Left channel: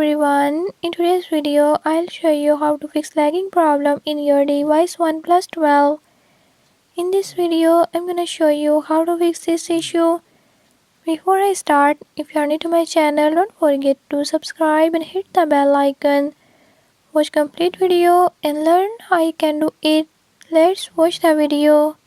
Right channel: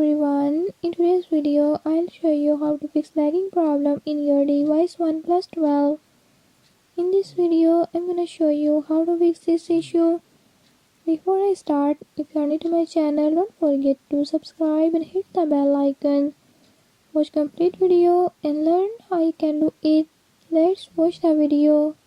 everyone, in today's video I'll show you how to fix lagging problem in your device OnePlus 12. In this video I'm gonna show you how to fix this issue. Before I start, if you are new to my channel, don't forget to subscribe and hit the bell icon. Watch complete video and learn how you can do it. Let's watch the video.